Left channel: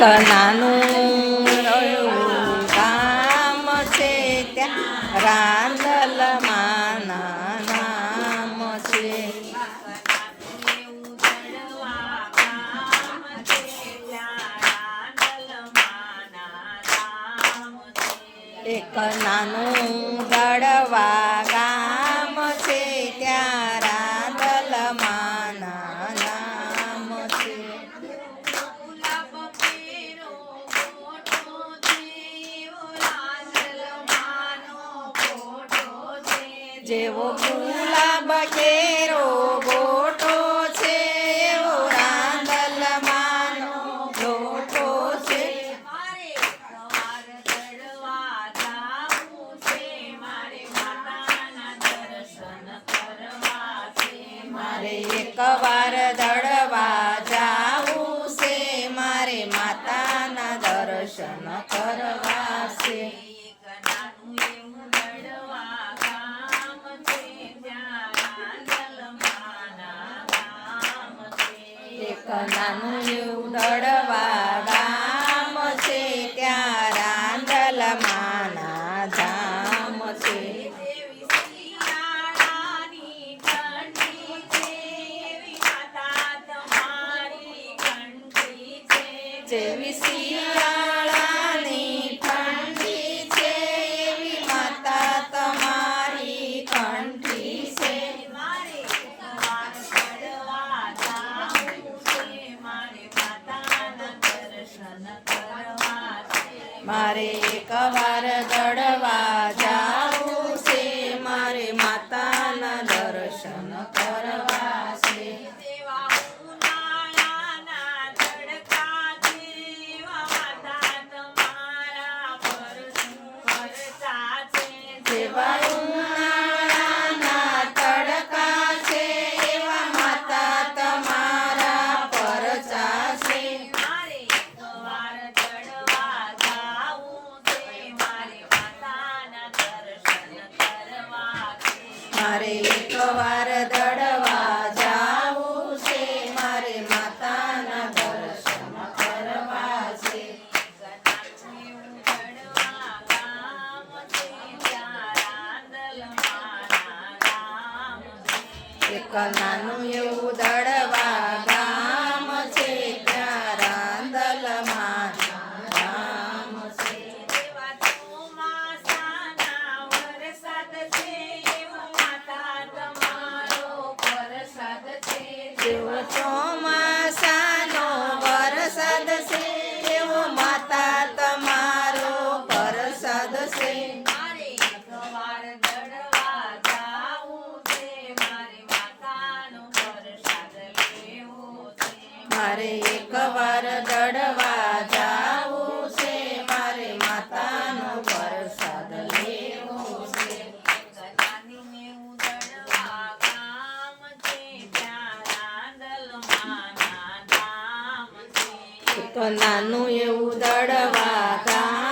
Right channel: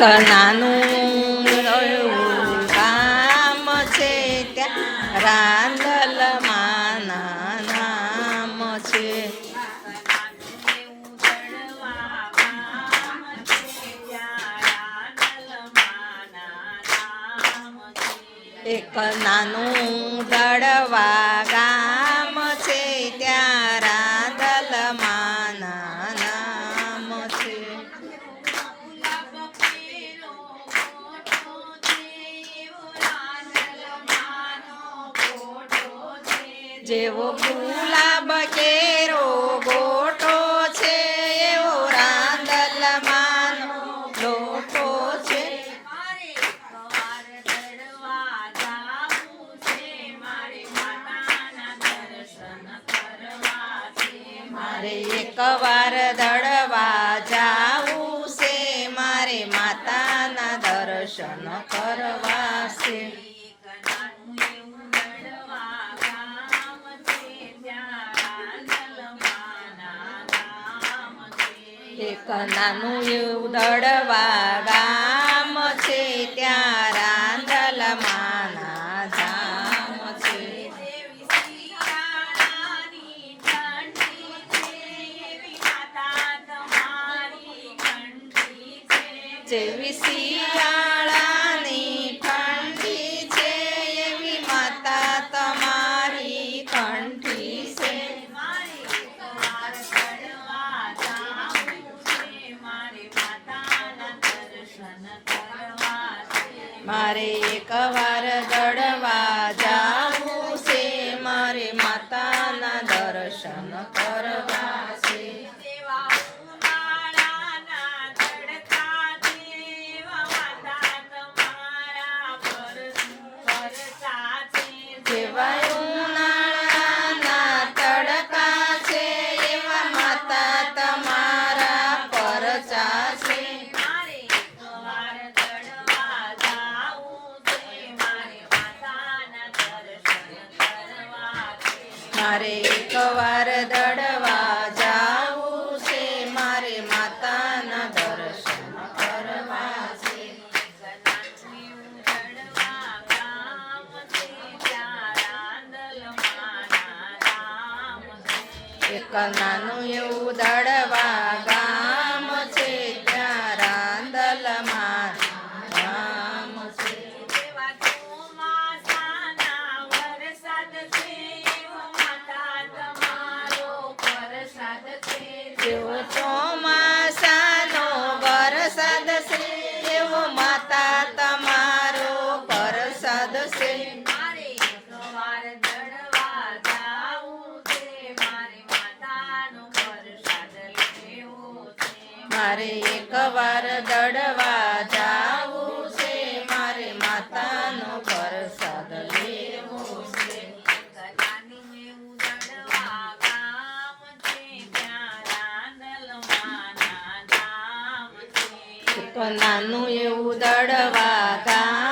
નાનું એવું ગામ છે ત્યાં રાંદલમાં નામ છે. એક નાનું દળવા ગામ છે ત્યાં રાંદલમાં નામ છે. જેવો ગુલાબ કેરો ગોટો છે એવો રાંદલમાંનો લોટો છે. મારે એકવાર દળવા જાવું છે, મારે માતાના દર્શન કરવા છે. એક નાનું એવું દળવા ગામ છે ત્યાં રાંદલમાં ધામ છે. જેવી શિયાળાની ઠંડી છે એવી માતા તમારી કંઠી છે. મારે એકવાર દળવા જાવું છે, મારે માતાના દર્શન કરવા છે. જેવા ઉનાળાના તડકા છે એવા માતા તમારા પરચા છે. મારે એકવાર દળવા જાવું છે, મારે માતાના દર્શન કરવા છે. એક નાનું એવું દળવા ગામ છે ત્યાં રાંદલમાં ધામ છે. જેવો ચોમાસાનો વરસાદ છે એવો માતા તમારો પ્રસાદ છે. મારે એકવાર દળવા જાવું છે, મારે માતાનો પ્રસાદ લેવો છે. એક નાનું એવું દળવા ગામ